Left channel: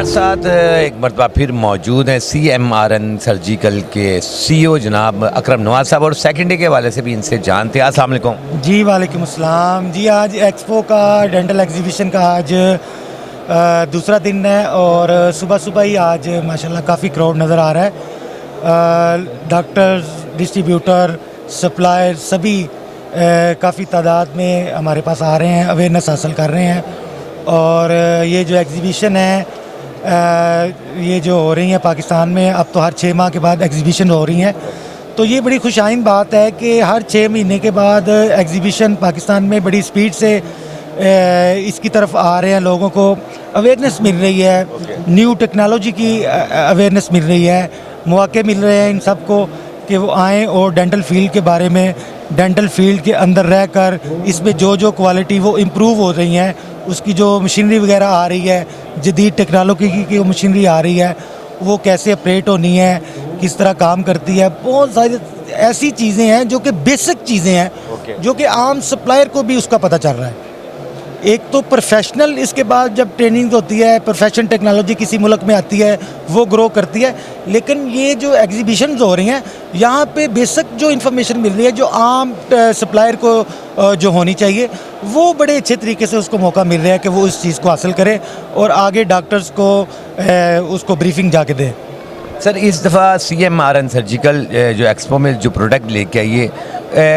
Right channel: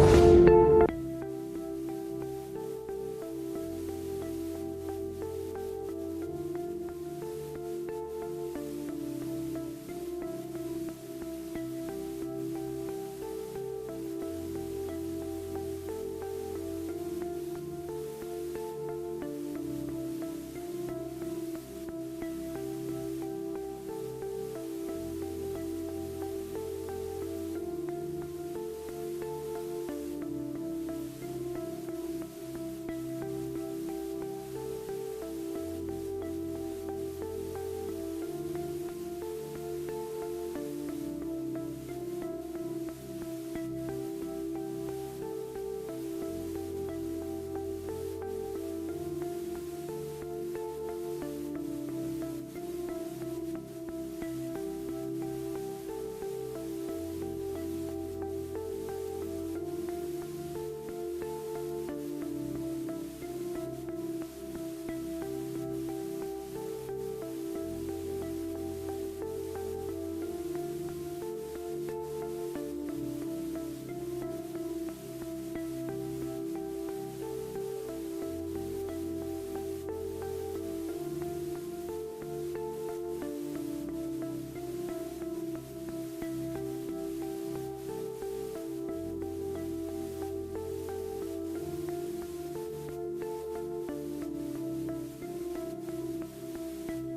हमारे साथ एक मरतबा फिर मौजूद हैं CMRN सर्जिकल के CEO जनाब अकरम नवाज साहब, और सेकेंड डे के हवाले से भी इनसे जानते हैं। अस्सलाम वालेकुम। जी वालेकुम अस्सलाम। जी आज एक्सपो का डेंटल एग्जीबिशन का आज दूसरा दिन है और सुबह सुबह ही आज माशाल्लाह काफ़ी क्राउड नज़र आ रहा है। डॉक्टर्स, डिस्ट्रीब्यूटर, सप्लायर सभी काफ़ी तादाद में हमारे पास आ रहे हैं, अवेयरनेस हासिल कर रहे हैं। और ये जो एग्जीबिशन है ये जो हो रही है पाकिस्तान में, अब तो हर 6 माह के बाद एग्जीबिशन हो रही हैं, तो ये बड़ी खुशाइन बात है कि हर 6 महीने के बाद एग्जीबिशन पाकिस्तान में बड़ी स्पीड से इसकी तरफ आ रहे हैं। लोगों को अवेयरनेस मिल रही है, न्यू टेक्नोलॉजी की अवेयरनेस मिल रही है, मौके मिल रहे हैं इन सबको कि वो आएँ और डेंटल फील्ड के बारे में, डेंटल फील्ड के अंदर रहकर इसमें जो जो क्वालिटी वो इम्प्रूव हो रही हैं, उसकी जो मशीनरी वगैरह आ रही है, जदीद टेक्नोलॉजी की वो मशीनरी आ रही है, वो कैसे ऑपरेट होनी है, किस तरह काम करती है। बहुत सारी ऐसी चीज़ें हैं जो कि बेसिक चीज़ें हैं जो कि आम सप्लायर को भी उसका पता चल रहा है। एक तो प्रोफेशनल, इसके बाद जब ट्रेनिंग होती है, प्रोफेशनल टेक्नोलॉजी किसी मुल्क में आती है वो ग्रो करती है। लेकिन ये जो एग्जीबिशंस हो रही हैं यहाँ पे बेसिक जो इन्फॉर्मेशन मिल रही है, जो आम सप्लायर को जो होनी चाहिए, वो बड़े अच्छे तरीके से उसको मौका मिल रहा है कि वो इस चीज़ को हासिल करे और आगे डॉक्टर्स को उसको ब्रीफिंग जाके दें। सर, इस दफ़ा CMRN सर्जिकल जो एक्सपो में जो प्रोडक्ट लेके आइए,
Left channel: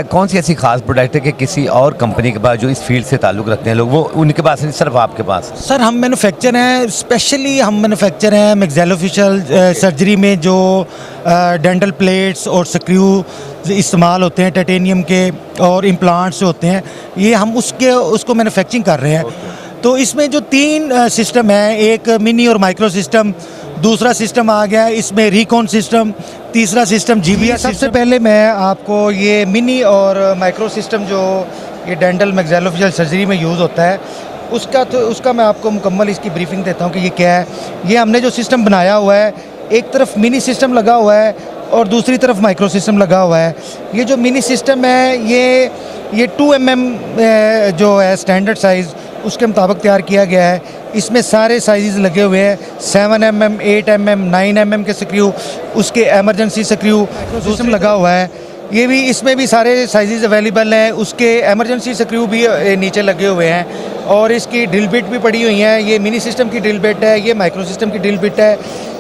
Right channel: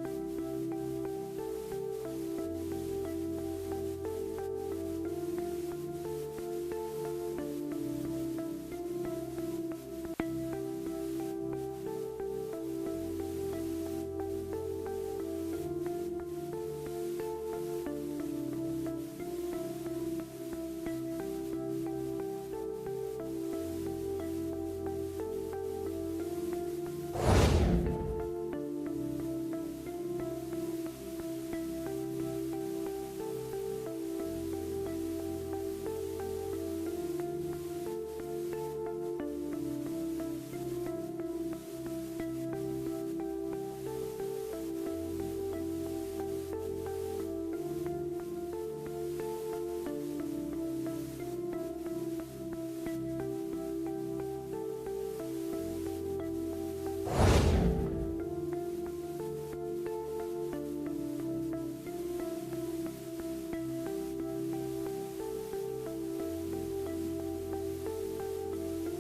कौन सी ऐसी खास प्रोडक्ट है कि किसी और कंपनी के पास जो इस फील्ड से ताल्लुक़ रखते हैं लोग, वो उनके पास नहीं, सिर्फ आपके पास? सर हम मैन्युफैक्चर हैं, स्पेशली हम मैन्युफैक्चर हैं मैक्सिलोफेशियल सर्जरी में जो डेंटल प्लेट्स और स्क्रू इस्तेमाल होते हैं टाइटेनियम के और इम्प्लांट्स होते हैं, ये हम उसको मैन्युफैक्चरिंग कर रहे हैं। तो इसमें जो 3 सिस्टम हैं, एक मिनी और माइक्रो सिस्टम, दूसरा सिस्टम आ गया है इसमें रिकॉन सिस्टम, तीसरा सिस्टम GBR। सबसे पहले मैं आपको ये मिनी और माइक्रो सिस्टम जो ये डेंटल मैक्सिलोफेशियल सर्जरी में यूज़ होता है उसका मैं आपको मुकम्मल इसकी ब्रीफिंग देता हूँ कि ये क्या है। ये हमने जो सिस्टम बनाया हुआ है, एक तरफ मिनी सिस्टम लगा हुआ है और दूसरी तरफ माइक्रो सिस्टम लगा हुआ है। ये जो मिनी सिस्टम है ये 2 mm जो है स्टैंडर्ड साइज़, उसके मुताबिक तैयार किया गया है। इसमें सारे साइज़ लगे हुए हैं, 7 mm, 8 mm, 9 mm के स्क्रू, उसके एमरजेंसी स्क्रू सिस्टम लगा हुआ है। ये भी, इसमें भी सारे साइज़ अवेलेबल हैं, उसके एमरजेंसी स्क्रू भी नीचे लगे हुए हैं और इसकी ड्रिल बिट भी पड़ी हुई हैं। ये मिनी सिस्टम की ड्रिल बिट है, ये माइक्रो सिस्टम की ड्रिल बिट है,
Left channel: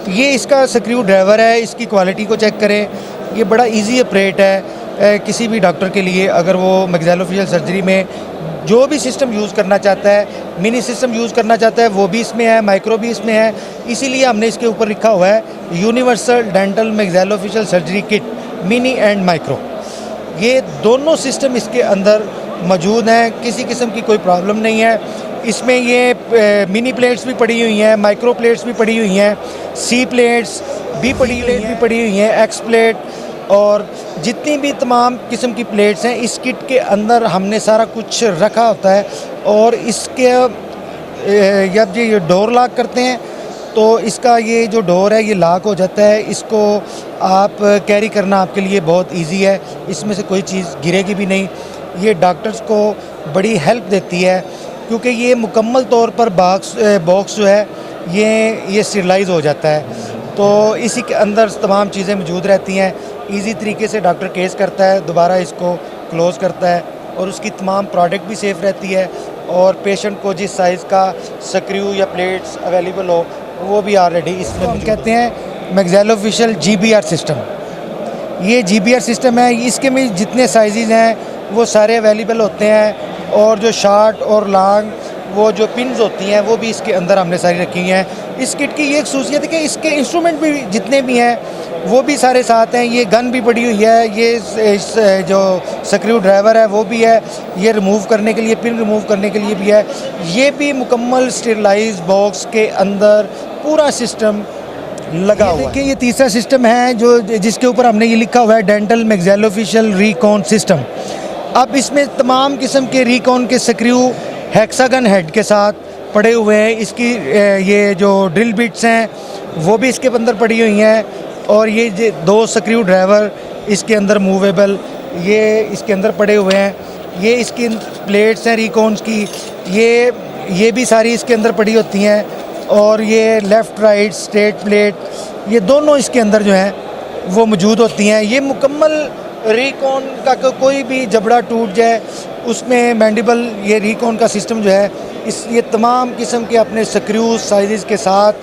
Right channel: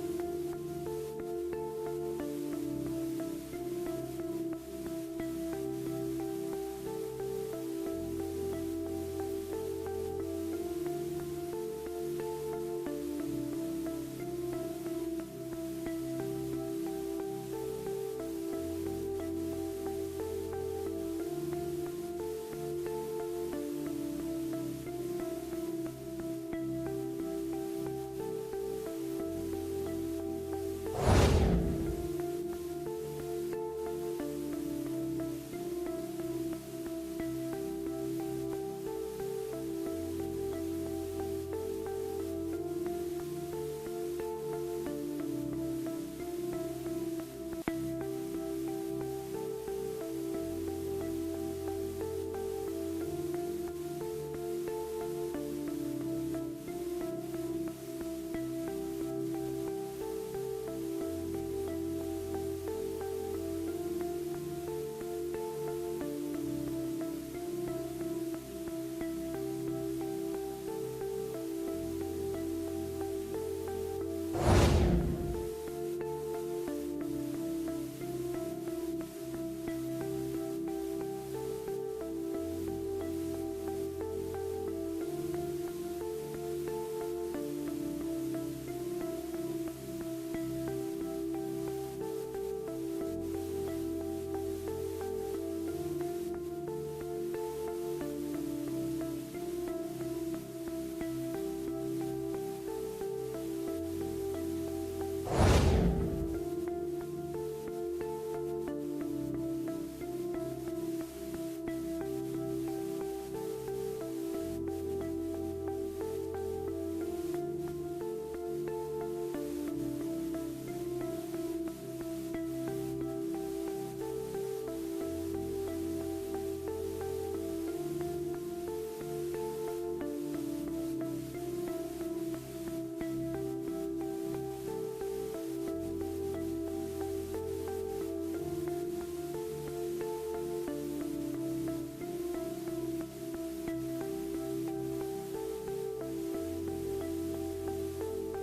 ये इसका स्क्रू ड्राइवर है। इसकी क्वालिटी को चेक करें, ये बड़ा ईजी ऑपरेट है किसी भी डॉक्टर के लिए। अगर वो मैक्सिलोफेशियल सर्जरी में जो भी सिस्टम यूज़ करना चाहता है, मिनी सिस्टम यूज़ करना चाहता है, वो भी इसमें है, माइक्रो भी इसमें है। इसीलिए हमने इसके ऊपर लिखा हुआ है universal dental maxillofacial surgery kit mini and micro. ये दोनों सिस्टम इसके अंदर मौजूद हैं, किसी किस्म की कोई प्रॉब्लम नहीं है। इसमें ये मिनी प्लेट्स भी पड़ी हुई हैं, माइक्रो प्लेट्स भी पड़ी हुई हैं, C प्लेट्स भी पड़ी हुई हैं, X प्लेट और जितनी भी तमाम किस्म की प्लेट्स हैं, इस किट के अंदर हमने सारा कुछ रखा होता है। और इसके जब ये डोर लॉक करते हैं तो इसका ये जो डोर है ये लॉक हो जाता है। इसको आप कैरी करना आपके लिए बहुत इजी है, इसमें से कोई चीज़ गिरेगी भी नहीं। ये डॉक्टर्स को बड़ी हेल्प देती है क्योंकि ये मुकम्मल तौर पर बॉक्स जो है ये स्टेरिलाइज हो जाता है, तो इसी के अंदर तमाम चीज़ें मौजूद रहती हैं। इजी तरीके से डॉक्टर केस करता है, दोबारा इसको क्लोज़ करता है और उसकी तमाम प्रोडक्ट भी सेफ़ रहती है। और पेशेंट को जिस साइज़ का स्क्रू या प्लेट्स अवेलेबल हो वो भी ऑलरेडी इसमें हम कहते हैं मैक्सिलोफेशियल GBR सिस्टम। ये GBR सिस्टम है, इसके में जितने साइज़ हैं वो सारे अवेलेबल होते हैं और जो शॉर्ट और लॉन्ग वो जो पिन्स होती हैं वो भी इसके अंदर हमने सारी रखी हैं। इस किट की ये एक ख़ुसूसियत है कि इसके इंस्ट्रूमेंट भी जितने भी हैं वो भी सारे साथ हैं। ये गन भी पड़ी हुई है, ये जो स्क्रू ड्राइवर है वो भी है, ये रिमूव करने के लिए, पिन रिमूव करने के लिए भी है। ये भी मुकम्मल स्टेरिलाइज बॉक्स के अंदर पूरा सिस्टम लगा हुआ है। ये तीसरा सिस्टम है जो जिसके ऊपर हमने ये लिखा हुआ है डेंटल मैक्सिलोफेशियल रिकॉन सिस्टम। अब इसमें तमाम किस्म के रिकॉन के स्क्रू हेक्सागन हेड के साथ पड़े हुए हैं। इसकी ये जो ड्रिल बिट्स हैं वो भी इसके अंदर पड़ी हुई हैं और ये 2 स्क्रू ड्राइवर इसके अंदर मूवेबल ये इसके अंदर पड़े हुए हैं। ये इसकी प्लेट्स हैं रिकॉन्स की, ये भी सारी इसके अंदर पड़ी होती हैं और ये लेफ़्ट राइट स्ट्रेट प्लेट ये दोनों इसके अंदर जो हैं वो मौजूद होती हैं। ये मुकम्मल रिकॉन का कोई भी जबड़ा टूट जाए उसमें मैंडिबल ये रिकॉन का सिस्टम जो है ये तमाम किस्म के अपने स्क्रू साइज़ के साथ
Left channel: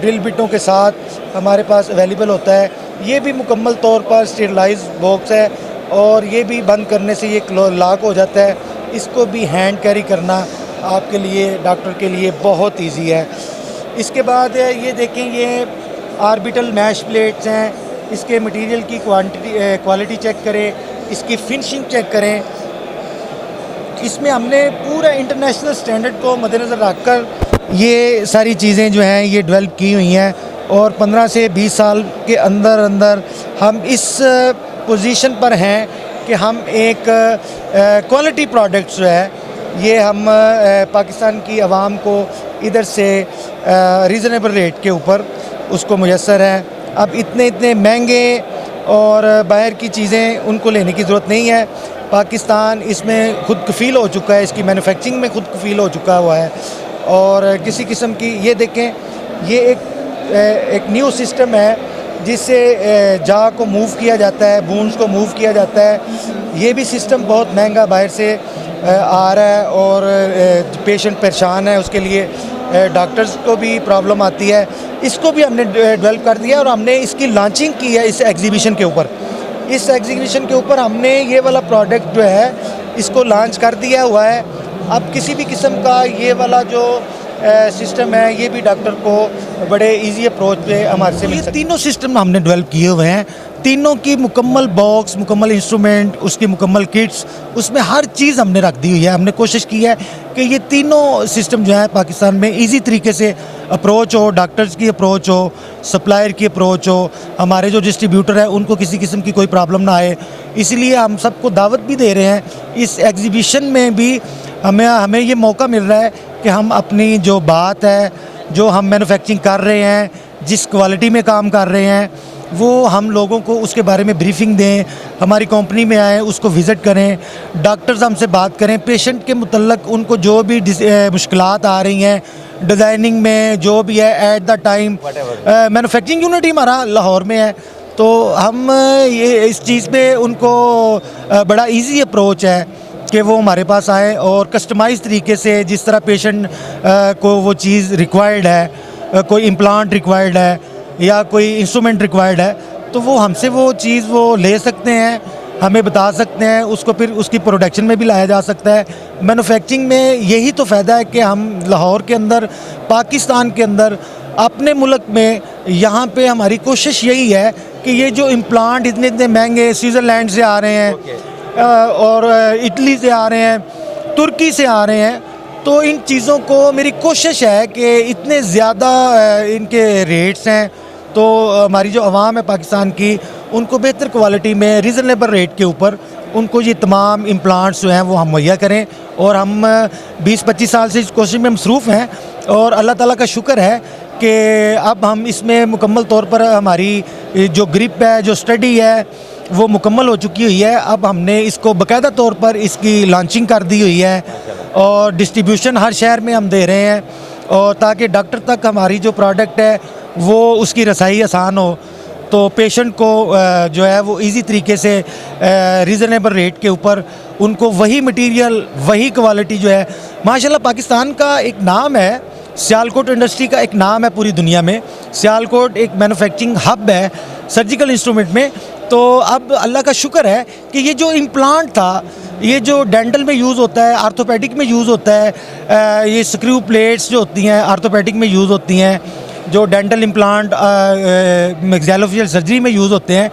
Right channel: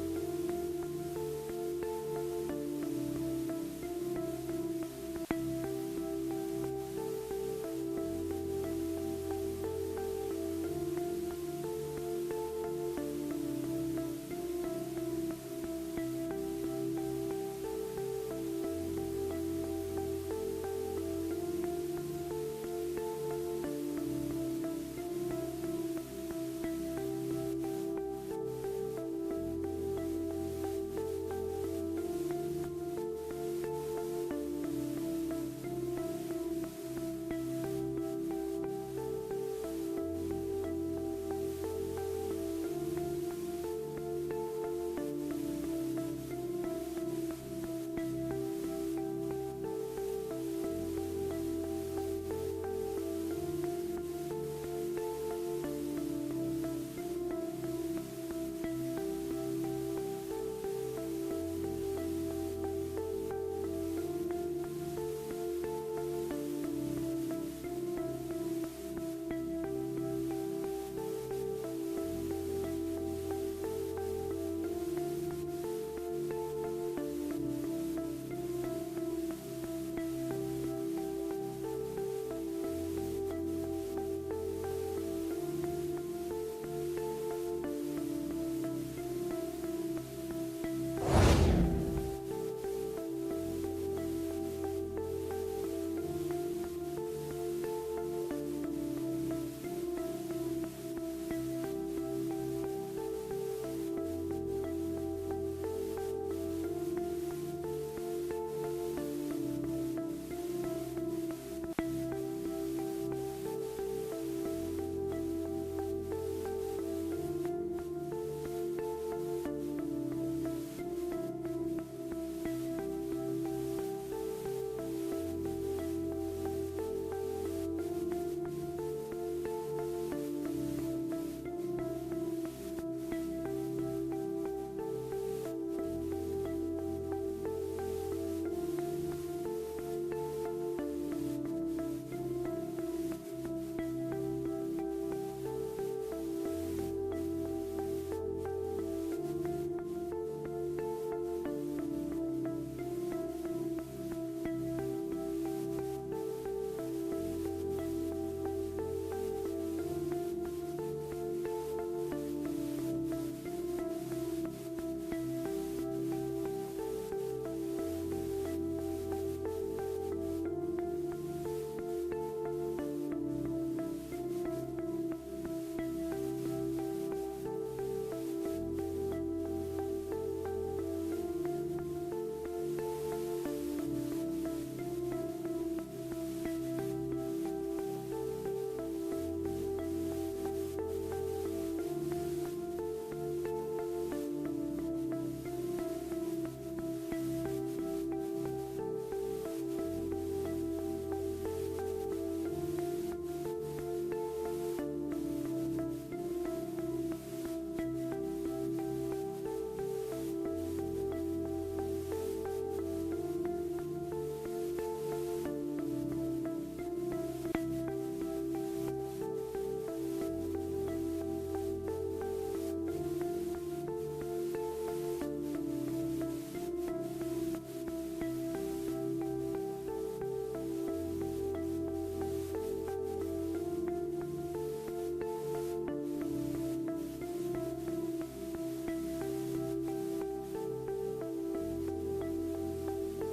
ड्रिल बिटों के साथ हमारे पास अवेलेबल होता है। ये भी मुकम्मल तौर पर स्टेरलाइज बॉक्स है और ये भी बंद करने से ये लॉक हो जाता है। इसको भी हैंड कैरी करना आपके लिए डॉक्टर के लिए बहुत इजी है। इसके बाद ये देखें, ये आर्बिटल मैश प्लेट्स हैं। इसके मटेरियल की क्वालिटी चेक करें, इसकी फिनिशिंग चेक करें। इसमें हमने पूरा इंटरनेशनल स्टैंडर्ड को मद्देनज़र रखकर ये सारी चीज़ें जो हैं ये डेवलप की हुई हैं और 15 से 20 साल के अंदर अंदर हम इस पोजीशन पर हैं कि हम एक क्वालिटी प्रोडक्ट्स जो है ये हम पाकिस्तान की आवाम को इधर से रीज़नेबल रेट के ऊपर उसको मुयस्सर है। अब इतने महंगे और बाहर की चीज़ें उनको लेने की ज़रूरत नहीं है। पाकिस्तान इसमें खुद कफ़ील हो चुका है, इसकी मैन्युफैक्चरिंग में खुद कफ़ील हो चुका हुआ है और किसी किस्म की ये देखें, ये एक न्यू सिस्टम है जिससे जा को मूव किया जाता है, बोन्स को मूव किया जाता है। ये भी सिस्टम बहुत महंगा बाहर से आ रहा है और पेशेंट परेशान है, उसके लिए डॉक्टर्स को भी प्रॉब्लम आती है। इसको भी हमने डेवलप कर दिया और हमने इसकी लॉन्चिंग की है इस एग्जीबिशन के ऊपर। इस एग्जीबिशन के ऊपर हमने ये वाला प्रोडक्ट जो है इसको लॉन्च कर दिया हुआ है। अब किसी भी किस्म का ये वाला जो सिस्टम है ये भी डॉक्टर को बड़े इजी अप्रोच पे हमारे से मिल सकता है। तीनों सिस्टम हमने डेवलप किए हुए हैं, तीनों की मुकम्मल बॉक्स, मुकम्मल इंस्ट्रूमेंट, उसकी मुकम्मल किट्स, उसमें हर चीज़ हमने रख दी हुई है। हमने कोशिश की है कि ये तीनों सिस्टम जो है पाकिस्तान में इजी तरीके से अप्रोच हो, डॉक्टर्स की अप्रोच हो, सप्लायर की अप्रोच हो, हमारे जो डिस्ट्रीब्यूटर है उनको किसी किस्म की कोई प्रॉब्लम ना आए। इसलिए हम सबको दावत भी दे रहे हैं। इस एग्जीबिशन में भी हमें ये मौका मिल रहा है कि हम अपनी जो बात है, जो हम मैन्युफैक्चरिंग कर रहे हैं, जिस क्वालिटी में काम कर रहे हैं, वो हम लोगों को उसके बारे में ब्रीफिंग दें। हमारी कंपनी में आएँ, उसको विज़िट करें, डॉक्टर्स हमसे बात करें, पेशेंट के मुतल्लक उनको जो भी मुश्किलात आ रही हैं डिज़ाइनिंग में जो भी है at the time. Manufacturing unit ही हमारा लाहौर में है, तो हम ये इस चीज़ पे उनको बड़ा इजी अप्रोच है कि वो हमारे पास आए और कस्टमाइज़ तरीके से जिस तरह पेशेंट को वो चीज़ रिक्वायर्ड है, कोई इम्प्लांट रिक्वायर्ड है या कोई इंस्ट्रूमेंट रिक्वायर्ड है, तो वो हमसे वो चीज़ वो ले सकते हैं, हमें बता सकते हैं, उसको फिर उसकी प्रोडक्शन में भी लाया जा सकता है। मैन्युफैक्चरिंग में यही तो फ़ायदा है कि हम लाहौर के अंदर, पाकिस्तान के अंदर, अपने मुल्क में, यहाँ पे हमारी कोशिश यही है कि ये जो इम्प्लांट इतने महंगे स्विट्ज़रलैंड से आ रहे हैं और इटली से आ रहे हैं, तुर्की से आ रहे हैं, तो इन चीज़ों को मेरी कोशिश है कि इतने ज़्यादा इनके रेट्स हैं, तो हमारी जो आवाम है पाकिस्तान की उनको बेहतर क्वालिटी में रीज़नेबल रेट के ऊपर उनको ये तमाम इम्प्लांट्स जो हैं वो हम मुहैया करें। और हम 20-25 साल से इस कोशिश में मसरूफ़ हैं और अल्लाह ताला का शुक्र है कि अब हम इसमें मुकम्मल तौर पर हमारी जो ग्रिप है, जो स्टडी है, वो मुकम्मल हो चुकी हुई है। अब हमने इसको बाकायदा तौर पर इसकी लॉन्चिंग कर दी हुई है और डिस्ट्रीब्यूशन हर शहर में हम दे रहे हैं, और ताकि डॉक्टर तक हमारी जो प्रोडक्ट है वो उसकी रसाई आसान हो, तो पेशेंट को जो है वो इजी तरीके से रीज़नेबल रेट के ऊपर उनको वही मटेरियल, वही क्वालिटी जो है। माशाल्लाह पाकिस्तान का एक नाम है, सियालकोट इंडस्ट्री का एक नाम है पूरी दुनिया में। सियालकोट एक मैन्युफैक्चरिंग हब है सर्जिकल इंस्ट्रूमेंट में। तो अब अल्लाह का शुक्र है कि ये जो इम्प्लांट था, ये जो डेंटल में यूज़ होता है, आर्थोपेडिक में यूज़ होता है, ये स्क्रू प्लेट्स जो होती हैं आर्थोपेडिक में यूज़ होती हैं, जो डेंटल इम्प्लांट मैक्सिलोफेशियल सर्जरी में यूज़ होते हैं,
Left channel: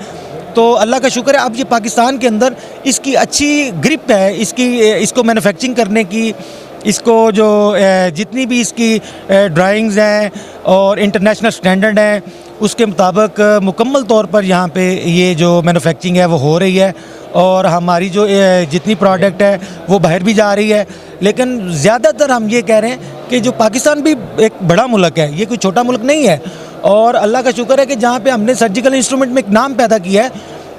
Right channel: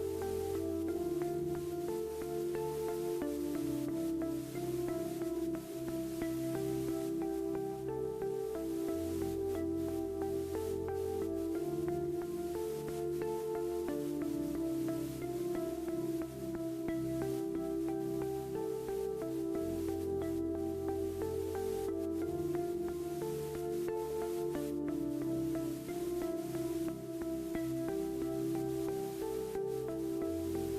तो अल्लाह का शुक्र है अब ये पाकिस्तान के अंदर इसकी अच्छी ग्रिप है, इसको मैन्युफैक्चरिंग करने की, इसको जो जितनी भी इसकी ड्राइंग्स हैं और इंटरनेशनल स्टैंडर्ड हैं उसके मुताबिक मुकम्मल तौर पर यहाँ पे ये जो मैन्युफैक्चरिंग है वो हो रही है। और हमारी जो जितनी प्रोडक्ट है वो बाहर भी जा रही है। लेकिन ज़्यादातर हम ये कह रहे हैं कि जो पाकिस्तान भी एक बड़ा मुल्क है, ये कोई छोटा मुल्क नहीं है, और अल्लाह का शुक्र है कि जहाँ पे हमने सर्जिकल इंस्ट्रूमेंट में एक नाम पैदा किया है,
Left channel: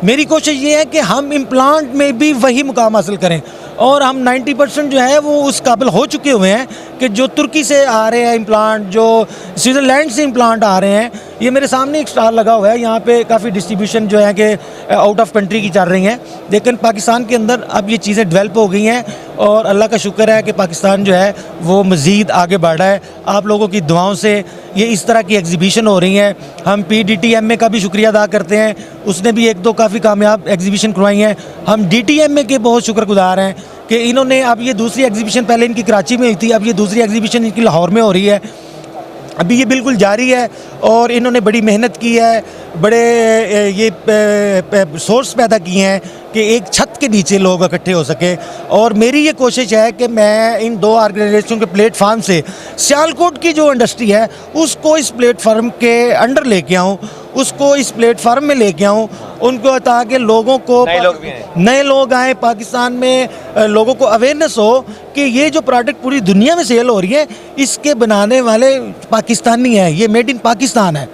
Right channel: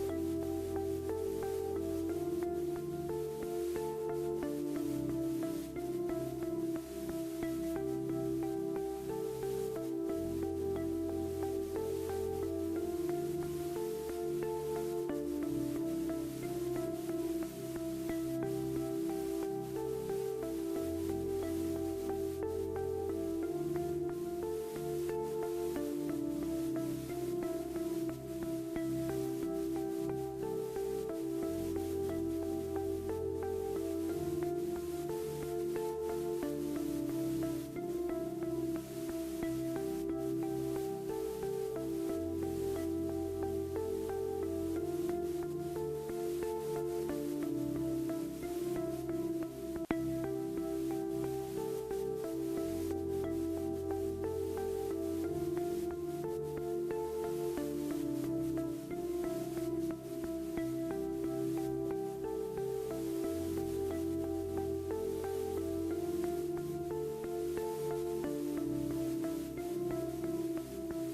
मेरी कोशिश ये है कि हम इम्प्लांट में भी वही मुकाम हासिल करें। और हम 90% जो है वो उस काबिल हो चुके हुए हैं कि जो तुर्की से आ रहे हैं इम्प्लांट, जो स्विट्ज़रलैंड से इम्प्लांट आ रहे हैं, ये मेरे सामने एक स्टाल लगा हुआ है, यहाँ पे काफ़ी डिस्ट्रीब्यूशन जो है कि आउट ऑफ कंट्री की चल रही हैं, लेकिन पाकिस्तान के अंदर अब ये चीज़ें डेवलप हो गई हैं और अल्लाह का शुक्र है कि पाकिस्तान जो है वो मज़ीद आगे बढ़ रहा है। आप लोगों की दुआओं से ये इस तरह की एग्जीबिशन हो रही हैं। हम PDTMA का भी शुक्रिया अदा करते हैं, उसने भी 1-2 काफ़ी कामयाब एग्जीबिशन करवाई हैं। हम DTMA के बहुत शुक्रगुजार हैं कि इन्होंने, अब ये दूसरी एग्जीबिशन, पहले इनकी कराची में हुई थी, अब ये दूसरी एग्जीबिशन इनकी लाहौर में हो रही है, अभी ये बिल्कुल जारी है और इन्होंने बड़ी मेहनत की है, बड़े ये सोर्स पैदा किए हैं कि एक छत के नीचे लोग इकट्ठे हो सके। और मेरी ये कोशिश है कि मैं इन 2 ऑर्गेनाइजेशनों के प्लेटफार्म से सियालकोट की जो इंडस्ट्री है उसको इस प्लेटफार्म के अंडर लेके आऊँ, उसको इस प्लेटफार्म में लेके आऊँ, उनको ताकि लोगों को, नए लोग आएँ पाकिस्तान में, लोगों को अवेयरनेस हो कि ये जो प्रोडक्ट पूरी दुनिया में सेल हो रही है इसके बनाने वाले पाकिस्तानी हैं, ये मेड इन पाकिस्तान है।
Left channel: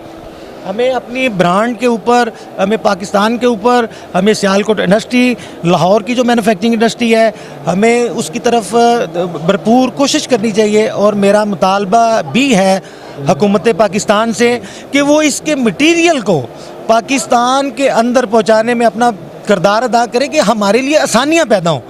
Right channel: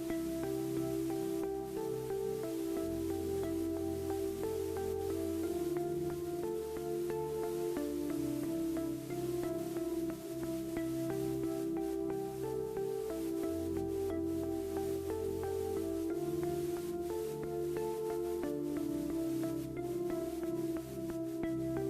हमें अपनी ब्रांड के ऊपर, हमें पाकिस्तान के ऊपर, हमें सियालकोट इंडस्ट्री, लाहौर की जो मैन्युफैक्चरिंग इंडस्ट्री है, हमें उसकी तरफ भरपूर कोशिश करनी चाहिए। और मेरा मुतालबा भी है हुकूमत पाकिस्तान से कि वो इसके मटीरियल को पाकिस्तान के अंदर पहुंचाने में अपना किरदार अदा करे कि हमारे लिए आसानियां पैदा हों।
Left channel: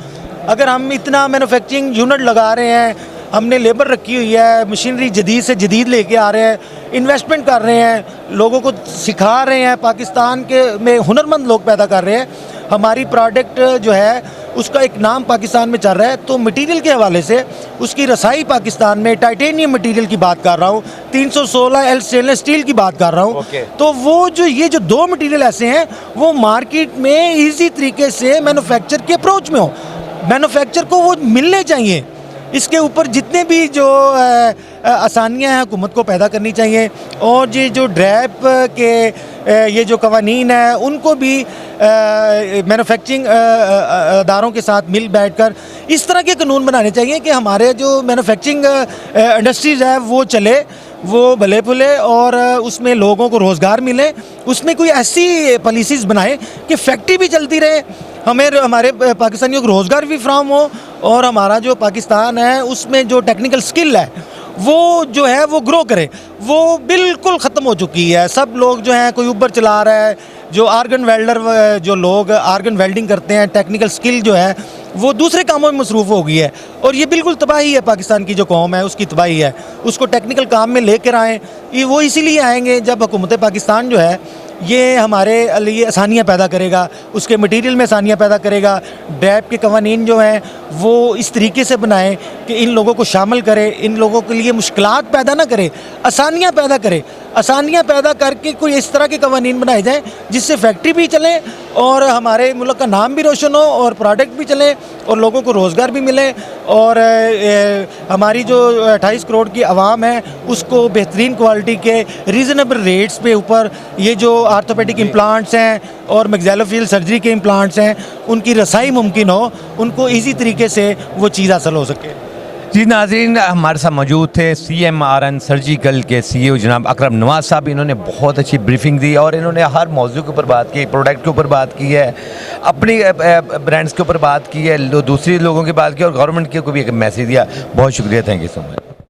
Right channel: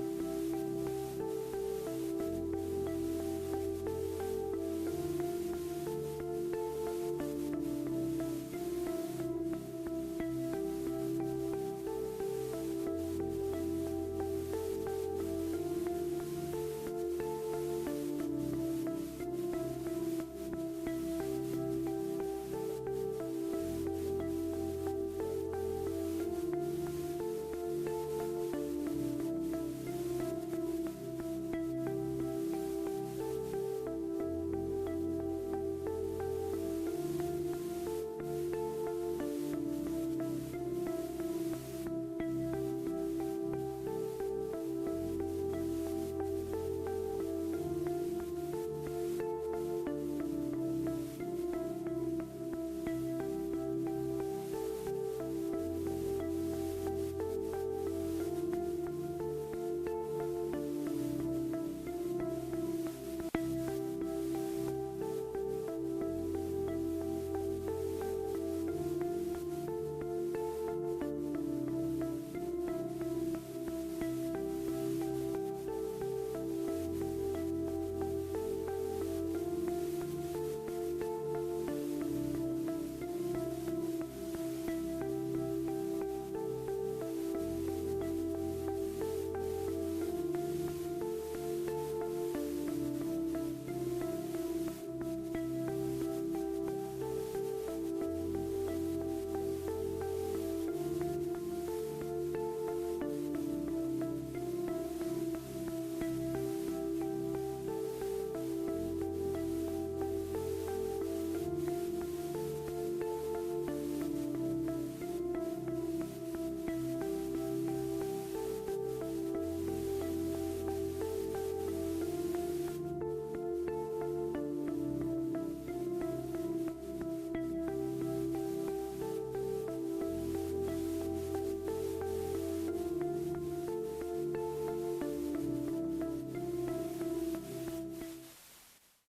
अगर हम इतना मैन्युफैक्चरिंग यूनिट लगा रहे हैं, हमने लेबर रखी हुई है, मशीनरी जदीद से जदीद लेके आ रहे हैं, इन्वेस्टमेंट कर रहे हैं, लोगों को सिखा रहे हैं, पाकिस्तान के में हुनरमंद लोग पैदा कर रहे हैं, हमारी प्रोडक्ट जो है उसका एक नाम पाकिस्तान में चल रहा है, तो मटेरियल के हवाले से उसकी रसाई पाकिस्तान में, टाइटेनियम मटेरियल की बात कर रहा हूँ, 316L स्टेनलेस स्टील की बात कर रहा हूँ। तो वो जो ये जो 2 मटेरियल ऐसे हैं वो मार्केट में ईजी तरीके से मैन्युफैक्चर के अप्रोच में हो, मैन्युफैक्चर को वो मिलने चाहिए। इसके ऊपर जितने भी जो आसानियाँ हैं हुकूमत को पैदा करनी चाहिए, और ये जो ड्रैप के ये जो कवानीन है उनको भी मैन्युफैक्चरिंग अदारों के साथ मिल बैठकर इस तरह के कानून बनाने चाहिए कि हमारे जो मैन्युफैक्चरिंग इंडस्ट्रीज़ है वो चले, वो भले फुले और उसमें लोगों को रोज़गार मिले। उसमें कोई ऐसी पॉलिसीज़ बनाए कि फैक्ट्री भी चलती रहे, हमें हमारे पाकिस्तानियों को रोज़गार भी फ्राहम हो, और हमारा जो पाकिस्तान है उसमें जो टेक्निकल स्किल है वो जो है वो ग्रो करे। वो बिल्कुल ख़त्म हो चुकी है। सब लोग जो हैं, कोई ऊबर चला रहा है, जो आर्गन वेल्डर, जो लोग आर्गन वेल्डिंग करते हैं, टेक्निकल स्किल जो है वो दूसरे कामों में मसरूफ़ हो गई है, और ये बिल्कुल तबाही है। पाकिस्तान की जो कौम है उसकी तबाही है। उसको टेक्निकल काम में लेकर आएँ, ये वो इसीलिए आएंगे जब हुकूमत पाकिस्तान जो है ये हमारे लिए आसानियाँ पैदा करेगा, उसके मटेरियल में आसानियाँ पैदा करेगा। ड्रैप के कवानीन जो हैं वो इस तरीके से बनाएं कि इन लोगों को शामिल करे, इन लोगों के लिए मुश्किलात पैदा ना करे, आसानियाँ पैदा करे। आसानियाँ पैदा करके कोई इस तरह के कवानीन बनाए जाएँ जिससे फैक्ट्री भी चले और हमारे मुल्क का नाम भी रोशन हो और प्रोडक्ट भी चले और लोगों को रोज़गार भी मिले, और हमारी जो 28 करोड़ की आवाम है उसको बेहतरीन क्वालिटी के रीज़नेबल रेट्स पे ऊपर ये जो आर्थोपेडिक इम्प्लांट्स हैं और मैक्सिलोफेशियल सर्जरी के इम्प्लांट्स हैं उनकी रसाई मुमकिन हो, उनको ईजी तरीके से वो चीज़ हासिल हो सके। जी नाज़रीन, हमारे साथ मौजूद थे CMRN सर्जिकल के CEO जनाब अकरम नवाज़ साहब। इन्होंने बहुत अच्छी ब्रीफिंग दी और इन्होंने हर मौजू के ऊपर बात की, प्रोडक्ट के ऊपर बात की है, अपनी ब्रांड्स के ऊपर बात की है, दूसरी लोगों की बात की और गवर्नमेंट को भी एक मैसेज दिया। बहुत शुक्रिया, थैंक यू सो मच।